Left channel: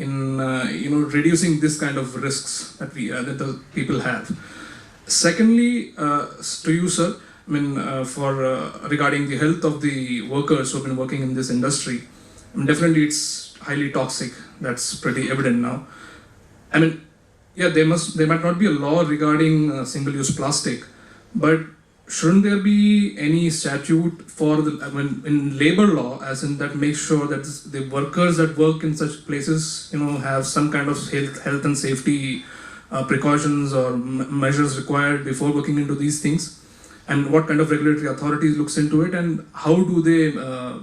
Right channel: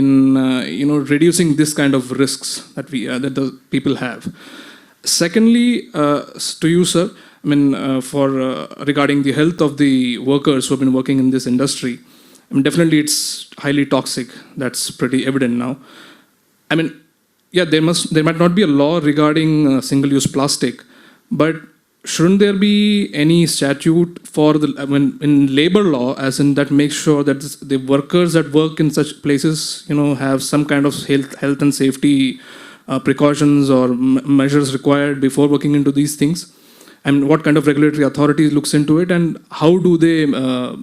in reducing this kind of risks that that the people have. Secondly, to you, sir, I mean, for regarding the health of the workers who have been working in this industry, I mean, definitely it's highly toxic. That's pretty evident now. I mean, yeah, there might not be a law regarding single-use plastic, but shouldn't there be any statute for in labor law, as in that makes sure that the workers that work in such places, have some kind of health and safety precautions or measures required before working into these things? And what kind of regulatory authority looks into it, and how do they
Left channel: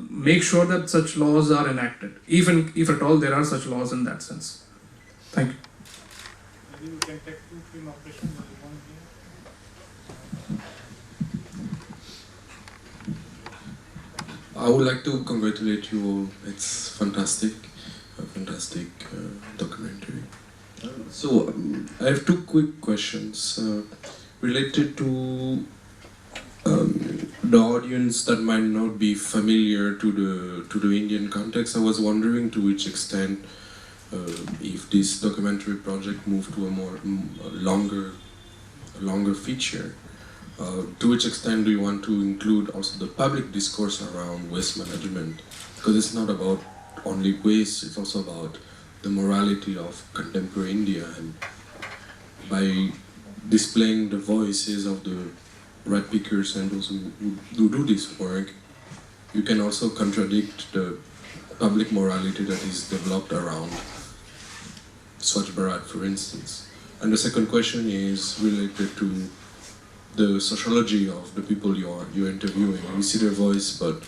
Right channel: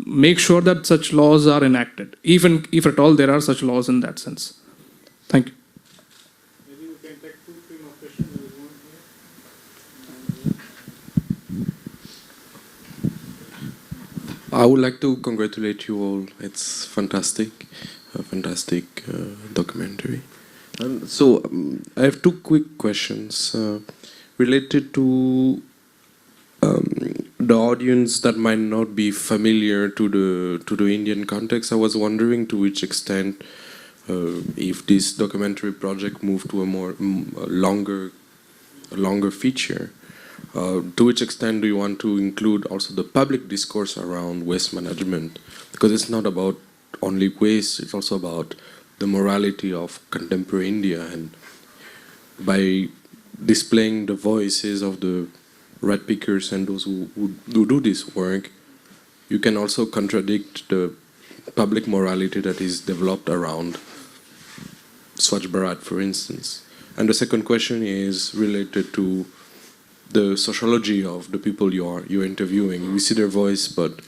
make sure that such laws are enacted, even if at all there are such laws in that sense? Thank you. I would like to congratulate you all. It's fantastic, a fantastic documentary. So I have two quick questions related to the audience that might not be familiar to the Indian context. I was wondering to which extent, if this documentary project moved to a longer feature. To which extent do you want to include also the public discourse around waste management? Because it's not about only waste, it's also about the morality of contemporary India, and by displaying the voices of the red pickers and those who do this work, you can also contradict the public morality that is developed around Swachh Bharat, for instance. And the second question is related to the sociology of the people you're interviewing. We see their voice, but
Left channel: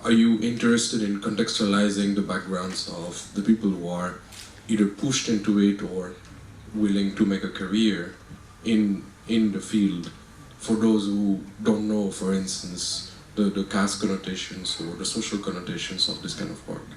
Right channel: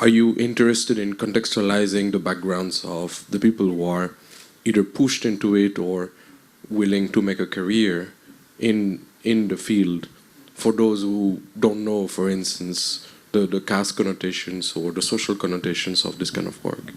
are you interested in contextualizing the backgrounds of the people who are either pushed into it or willing to make a career in the field? For those who don't know, for instance, the caste connotations or the social connotations of this kind of work.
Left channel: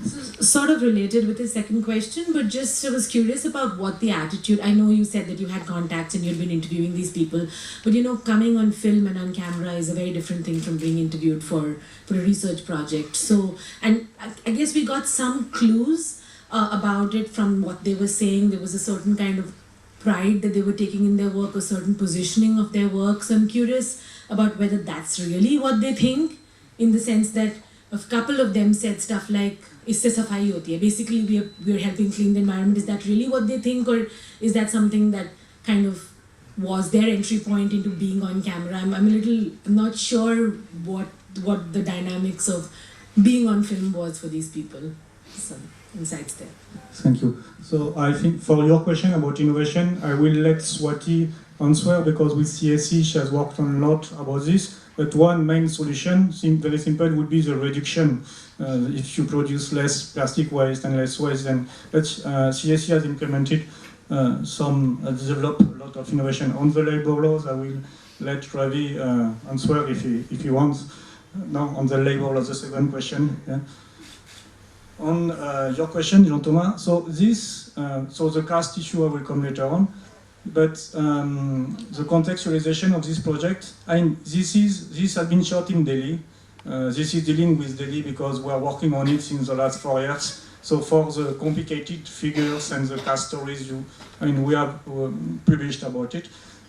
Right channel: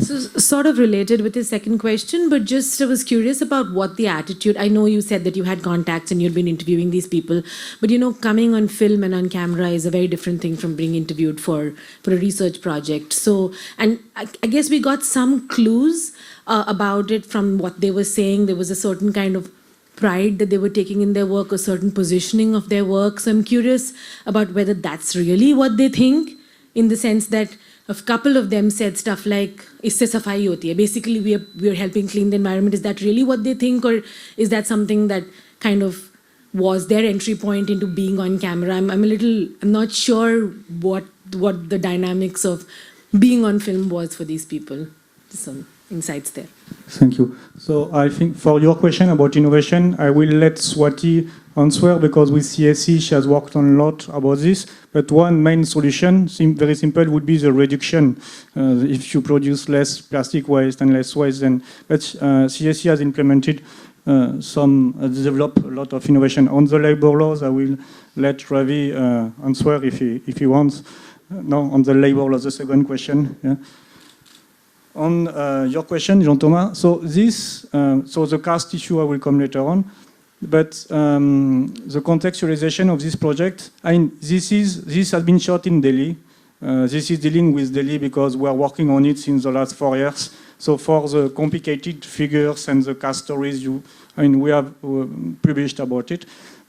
So sort of related with the second question, but just I was curious about what the attitude. I know you said that you had contacts and you'd been interviewing these people, but coming on film and on camera is a very different thing from being interviewed for a research project. So, and I guess we got some clues about it from what they were saying. There was a certain kind of pride that they were taking in their work, a certain positioning of their work. So I'm curious about whether that's really what they think, in the sense that a couple of them said stuff like, isse safai hoti hai. Basically, we're helping clean the environment. Is that really what they think, or is that something that kind of was their entry point into being on camera? I'm not sure what the dynamics of being on film was for these people. So, insights there. Thank you. So I think for your question about innovation, I will let Swati answer, because with CSE she has worked on a lot about this. But one main solution, very simple, would be the reduction. If you produce less plastic waste and less waste, then CSE has implemented developed a lot of innovation on the labor laws. I will let Ravi answer if he wants. No, on the labor laws, the second question. Yeah. On your question, Jean-Thomas, so the caste issue I will come later on, but the contextualization of this project, this has been shot in Delhi. This is dealing with Delhi because we are working on it since the last 4 years. So for the complicated figures and the caste stories, we have published about it.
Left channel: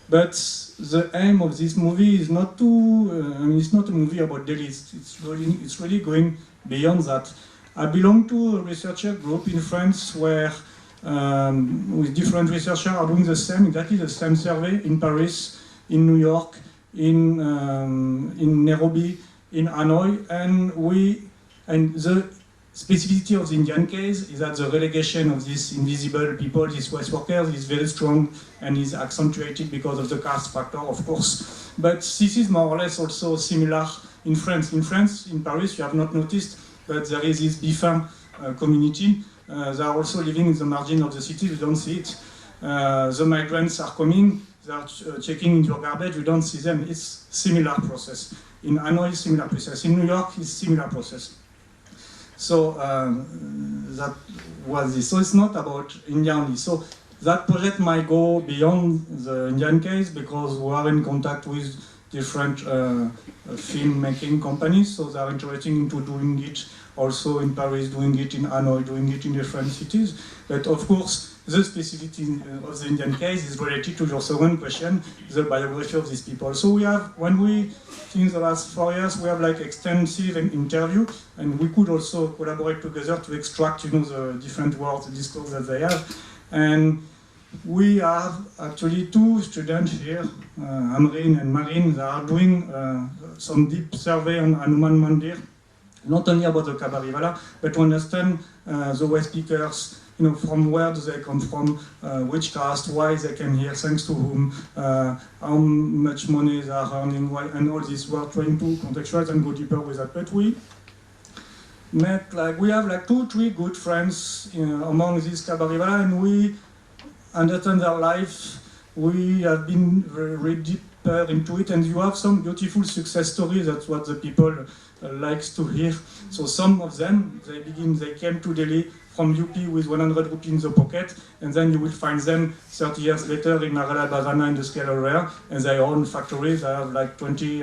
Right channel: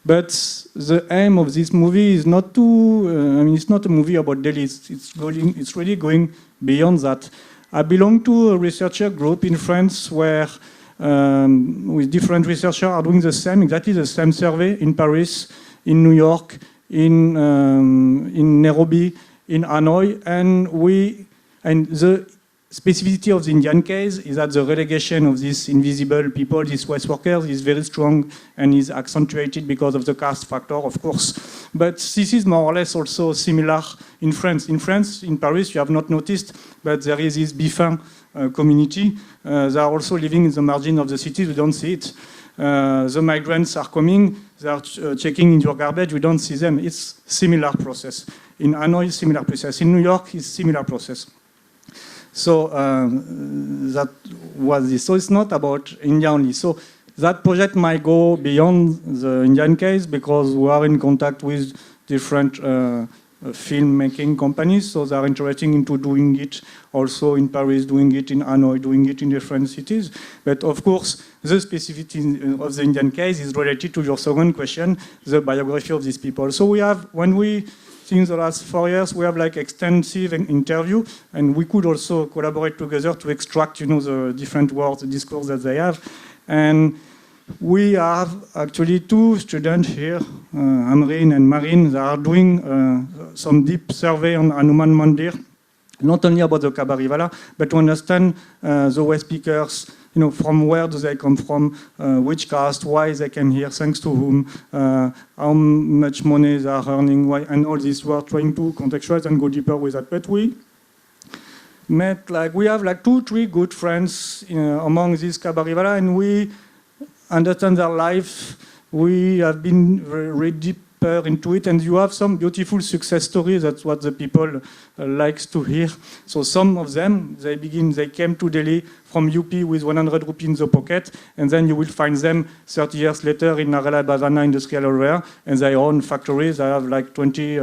But the aim of this movie is not to, it's not a movie about Delhi, it's really going beyond that. I belong to a researcher group in France where with different researchers are doing exactly the same survey in Paris, in New York, in Nairobi, in Hanoi, and the specificity of the Indian case is that the relegation of these invisible people, these waste workers, is very strong and is accentuated because of the caste factor, of course. But this is more or less also similar in France. In France, in Paris, you have not noticed, but there is this Bifin community. They are also living in the margin of the city, we don't see it. The migrants are coming, they are checking in your garbage, we don't see them. It's similar process. In Hanoi, similar process. In New York, it's similar process. So that was this. So it's not about India only. So that project might go beyond the Indian case because we are in contact with different filmmaking companies, so they are interested into doing it also in Paris, doing it in Hanoi, doing it in different cities. But of course, the specificity of the Indian case is related to your second question, the biography of these people. So we have, when we, in the last 4 years, we have like extensive interview, and we could also collaborate together to extract, the different words, the discourse that they have. And we have actually 2 students here, Amreen and Marine, that are doing some deep survey on Hanuman Mandir, not only about the Kabarivala, but to understand the way speakers, from where do they come from, which caste, why they came here, thanks to whom, how much money they are earning, why, and all this. We are trying to contextualize and go deeper with that. But we have 2-3 good friends among these Kabarivala, and we understand their life. We have been read deeper into it, and you have some beautiful success stories. That's what the people likes to hear. So some of them, they came to Delhi from UP with 100 rupees in the pocket, and then you will find them 30 years later in Narela Bazana industrial area, and they own factories. They have like 20,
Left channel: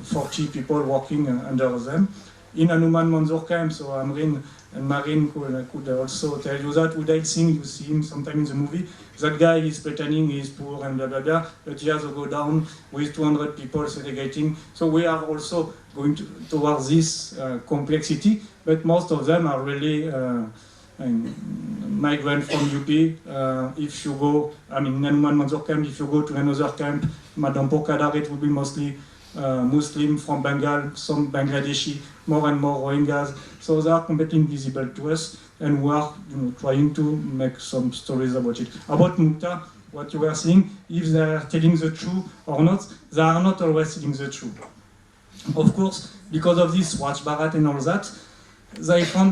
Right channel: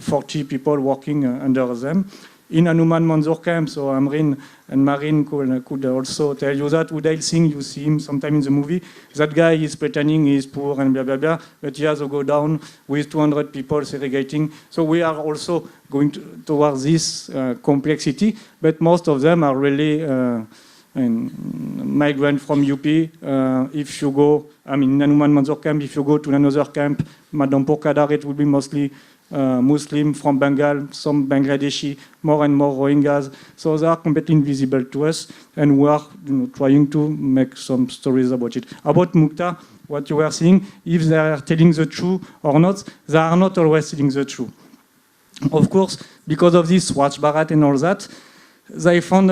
40 people working under them. In Hanuman Manzoor camp, so Amreen and Marine could also tell you that. Uday Singh, you see him sometimes in the movie, that guy is pretending he is poor and blah blah blah, but he has to go down with 200 people segregating. So we are also going towards this complexity, but most of them are really migrants from UP. If you go, Hanuman Manzoor camp, if you go to another camp, Madhampur Kadar, it will be mostly Muslim from Bengal, some Bangladeshi, more and more Rohingyas. So they are completely invisible to us, and we are trying to make some stories about it. About Mukta, what you were saying, if they are telling the truth or not, they are not always telling the truth. Of course, because of this Swatch Bharat and all that, they found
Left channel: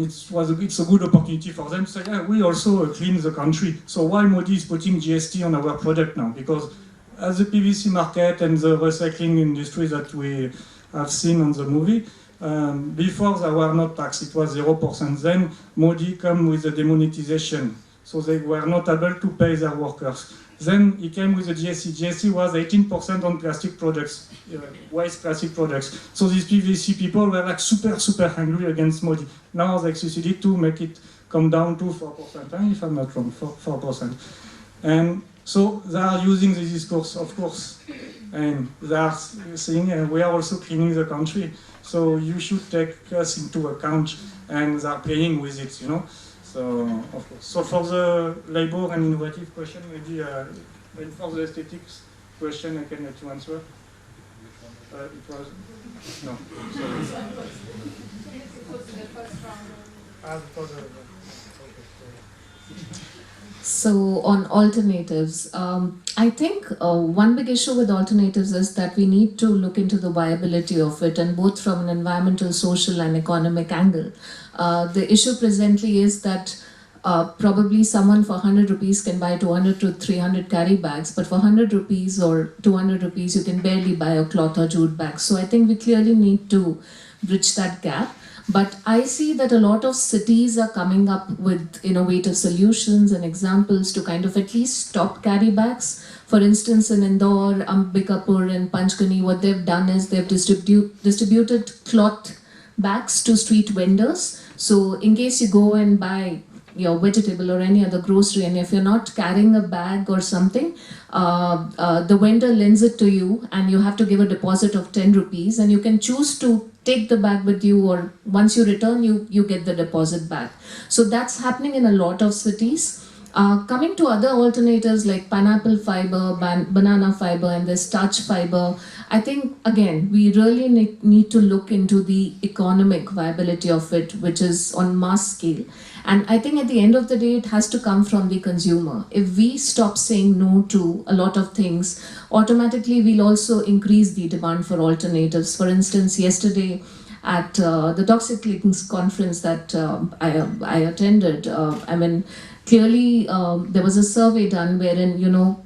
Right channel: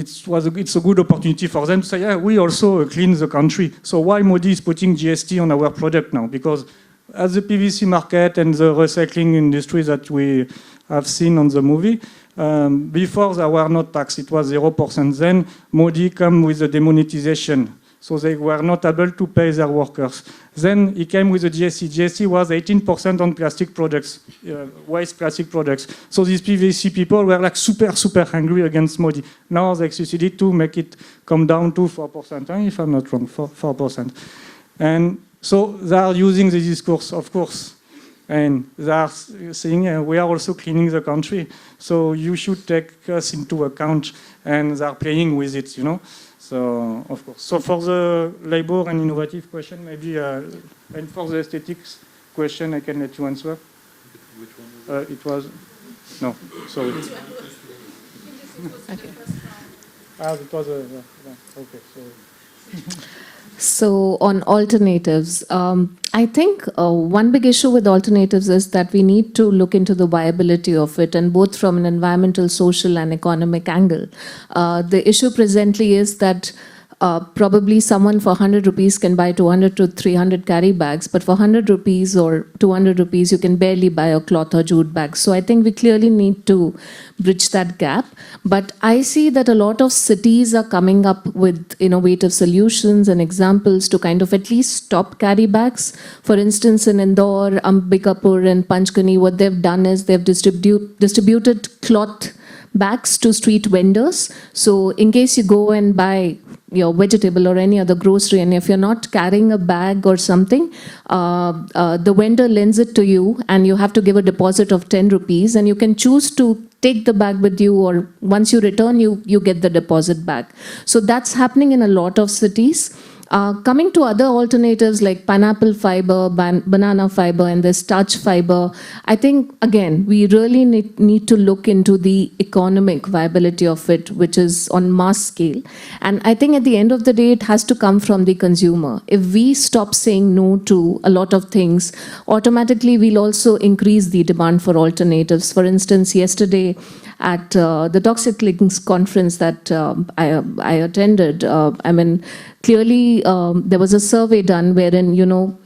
it's a good opportunity for them to say, yeah, we also clean the country. So why Modi is putting GST on our product now? Because as the PVC market and the recycling industry that we have seen on the movie, before they were not taxed, it was 0%. Then Modi came with the demonetization, so they were not able to pay their workers. Then he came with the GST. GST was 18% on plastic products, waste plastic products. So these PVC people were like super angry against Modi. Now they succeeded to make it come down to 4%, if I'm not wrong, 4%. And so they are using the discourse, of course, and they are saying we are also cleaning the country, so you should take us into account, and they are playing with it, So, of course. So for the labor and innovative question, maybe, and for the aesthetics question, I can let you answer. Which one? It was, no, sorry. It was the first round. It was okay. So. So on alternatives, I think one big issue with alternatives is that we need to look into the viability of it, and both from an environmental, social and economic angle. The issue presently is that probably someone for 100 rupees can buy 200 to 300 carry bags, but for 100 rupees or 200 rupees you can barely buy a cloth or jute bag. So I think we clearly need to bridge that gap. But I see that a lot of cities are coming up with innovative solutions and examples to kind of at least stop carry bags. For instance, in Indore, Ambikapur and Panchgani, what they've done is they've distributed cloth bags to street vendors. So in case you go and buy your vegetable or any other grocery, and if you're not carrying a bag or something, the vendor lends it to you, and you have to give a deposit of 10 rupees, and you can choose to take the bag with you, or once you return, you get the deposit back. So that's happening in a lot of cities. Coming to other alternatives like pineapple fiber, banana fiber, and the starch fiber, I think, again, we really need to look into the economic viability of it, which is on mass scale. And I think at the end of the day, it has to come from the consumer. If we stop saying no to a lot of things, automatically we'll also increase the demand for alternatives. For instance, yesterday at the Toxic Links conference that I attended, clearly, there was a survey done wherein,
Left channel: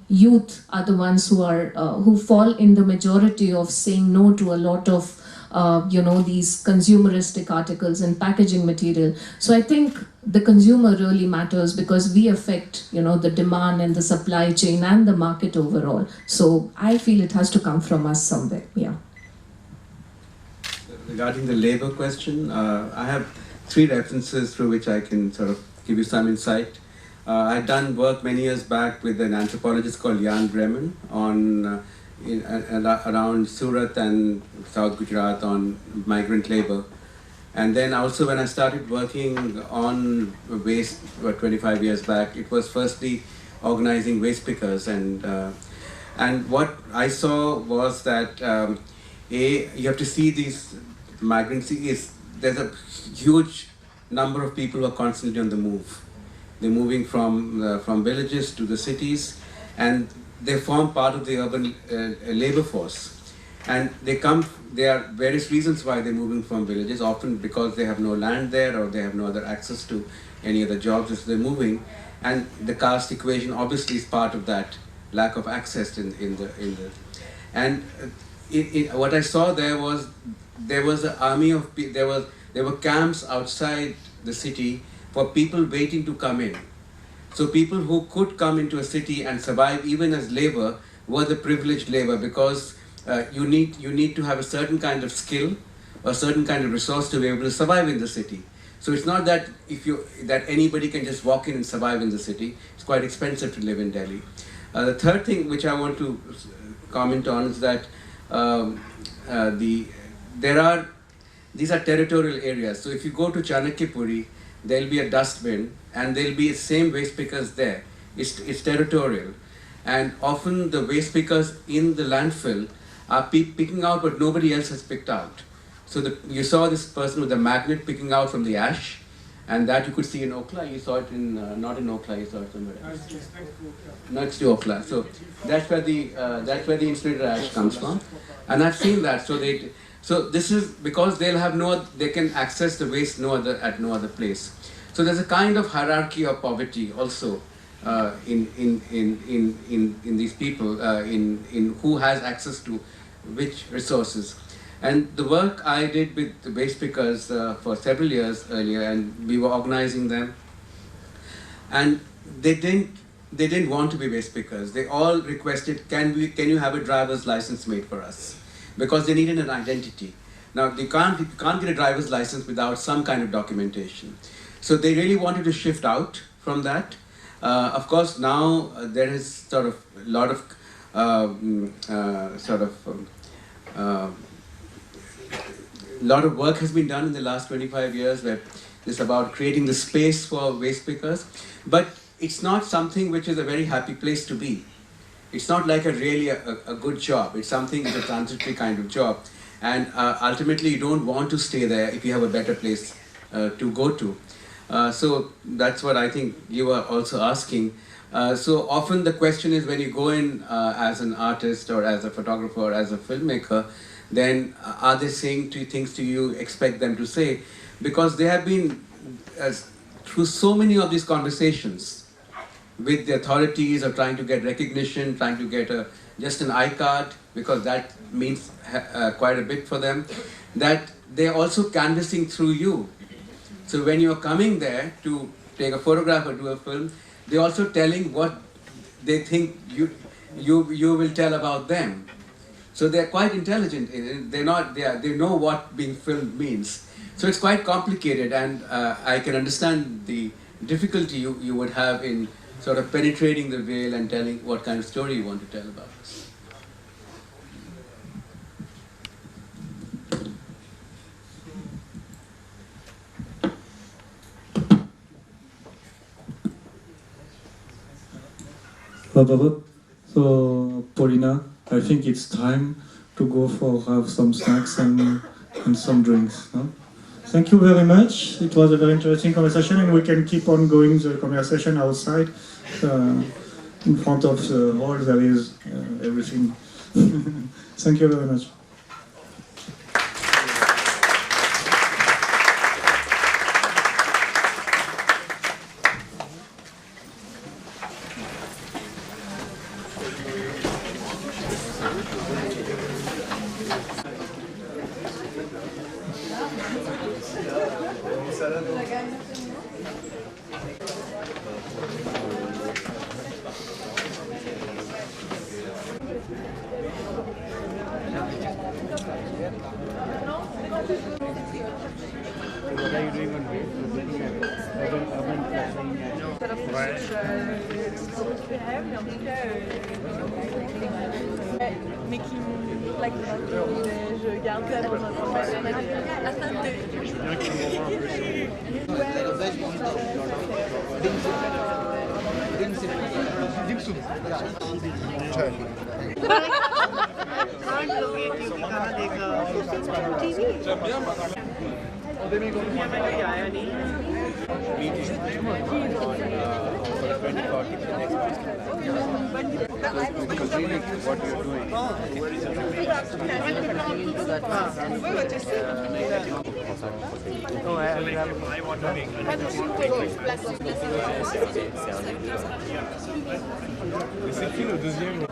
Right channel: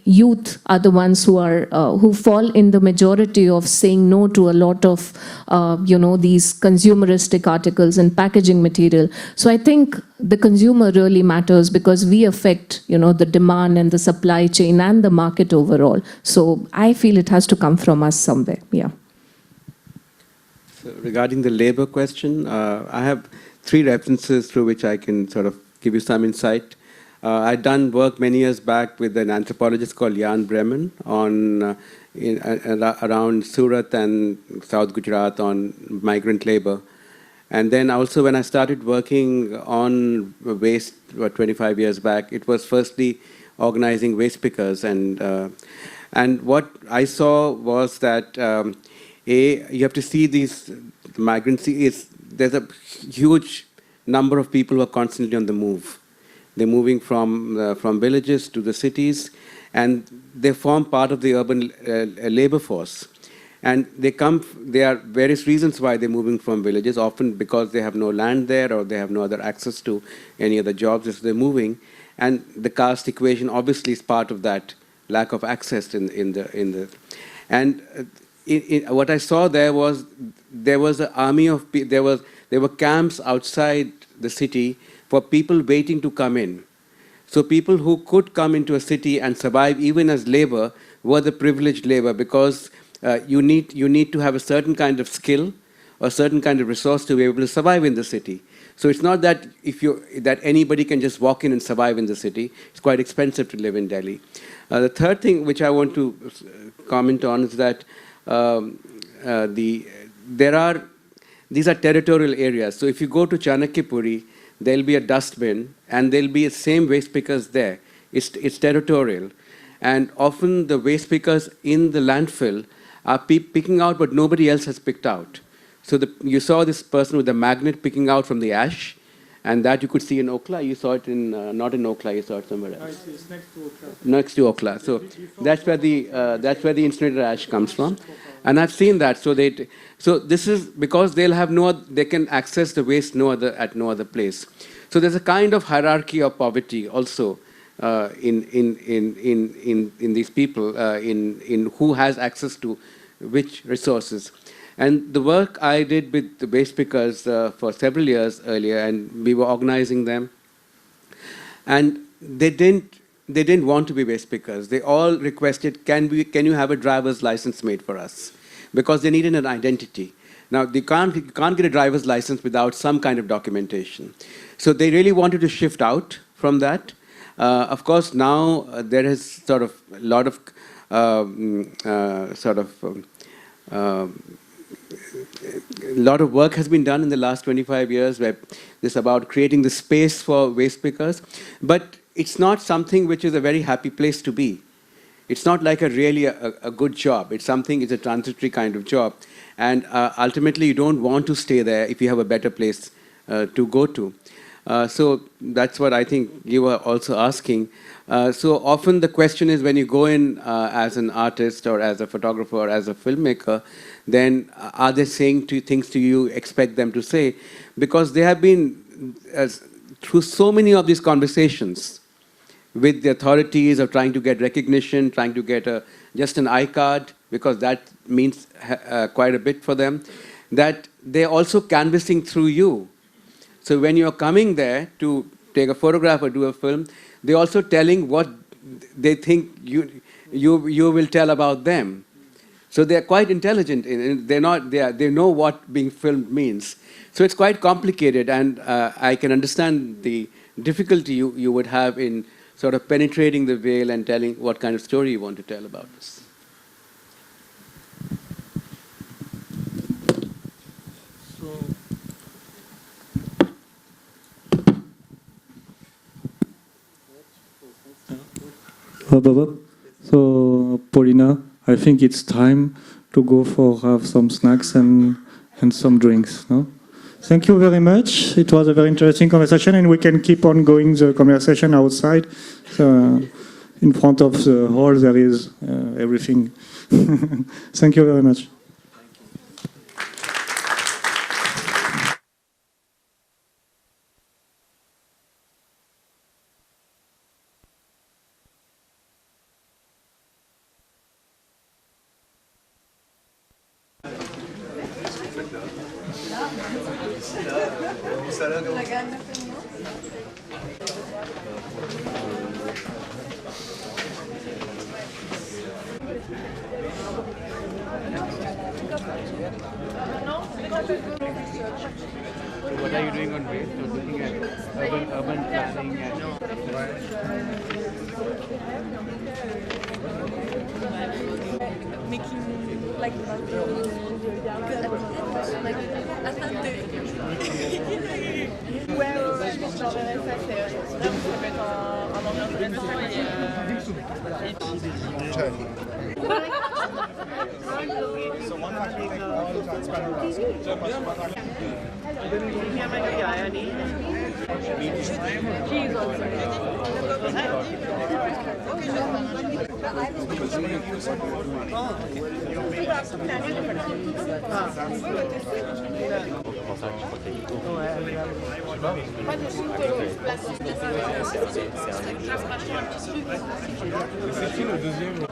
youth are the ones who fall in the majority of saying no to a lot of these consumeristic articles and packaging material. So I think the consumer really matters because we affect, the demand and the supply chain and the market overall. So I feel it has to come from us somewhere. Yeah. Regarding the labor question, I have 3 references through which I can sort of give you some insight. I'd done work many years back with an anthropologist called Jan Bremen on around Surat and South Gujarat on migrant labor. And then also when I started working on waste 25 years back, it was firstly organizing waste pickers. And what I saw was that you have to see these migrants, there's a huge number of people who are constantly on the move. They're moving from villages to the cities, and they form part of the urban labor force. And there are various reasons why they're moving from villages, often because they have no land there or they have no other access to any other jobs as they're moving. And the caste equation obviously is part of that lack of access what I saw there was an army of people. There were camps outside the city for people waiting to come in. So people who could come into a city and survive even as labor were the privileged labor, because you need to have a certain kind of skill, a certain kind of resource to be able to survive in the city. So it's not that that anybody can just walk in and survive in the city. It's quite expensive to live in Delhi. The third thing which I want to comment on is that these are territorial areas. So if you go to Chanakyapuri, there'll be a dustbin and there'll be the same waste pickers there. It's territorial. And often the waste pickers in the landfill are picking out what nobody else has picked out. So you saw this person with a magnet picking out from the ash, and that you could see in Okla. You saw it not in Okla, you saw it somewhere else. It's next to Okla. So that's where the incinerator ash comes from. And I've seen that. So this is because they can access the waste at no other place. So there's a kind of hierarchy of poverty also in these people, in who has access to which resources. And the work I did with the waste pickers for several years earlier, and we were organizing them, and they didn't want to be waste pickers. They all requested, can you have a driver's license made for us? Because they needed an identity. Now, you can't get a driver's license without some kind of documentation. So they really wanted to shift out from that. Of course, now there is sort of a lot of work has been done in the last 25 years where it's about creating the space for waste pickers. But it's not something which is a very happy place to be. It's not like a good job. It's a transitory kind of job. And ultimately, you don't want to stay there if you have a better place to go to. So that's what I think you were also asking. So often the question is, when you go in as an artist or as a photographer or as a filmmaker, then are they saying things to you expect them to say? Because they have been through so many of these conversations with the authorities, or trying to get recognition, trying to get just an I-card, because that means quite a bit for them, that they're also canvassing through you. So when you're coming there to take a photograph or do a film, they're also telling what they think you will tell about them. So they're quite intelligent. They know what being filmed means. So it's quite complicated, and I can understand the difficulty you would have in sort of penetrating the veil and telling what kind of story you want to tell about us. Hello. So, Paulina, I think it's time to go for have some snacks and some drinks. No? Thank you very much. It was a very interesting conversation, and we can keep on going the conversation outside. In front of the hall, there is everything. Thank you very much. What are you doing on waste? Looking at urban planning and making like je garde un peu c'est qui le deuxième?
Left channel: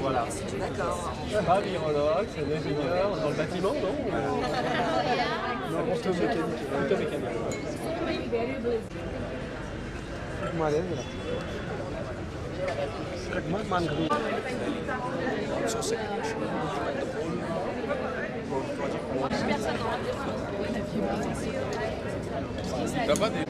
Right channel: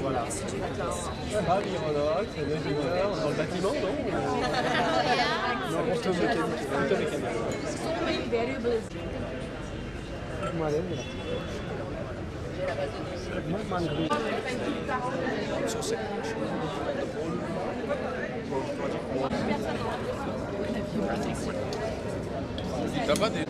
Voilà. Ravi, c'est l'ingénieur dans le bâtiment, non? Non, plutôt mécanique. Plutôt mécanique. T'as pas des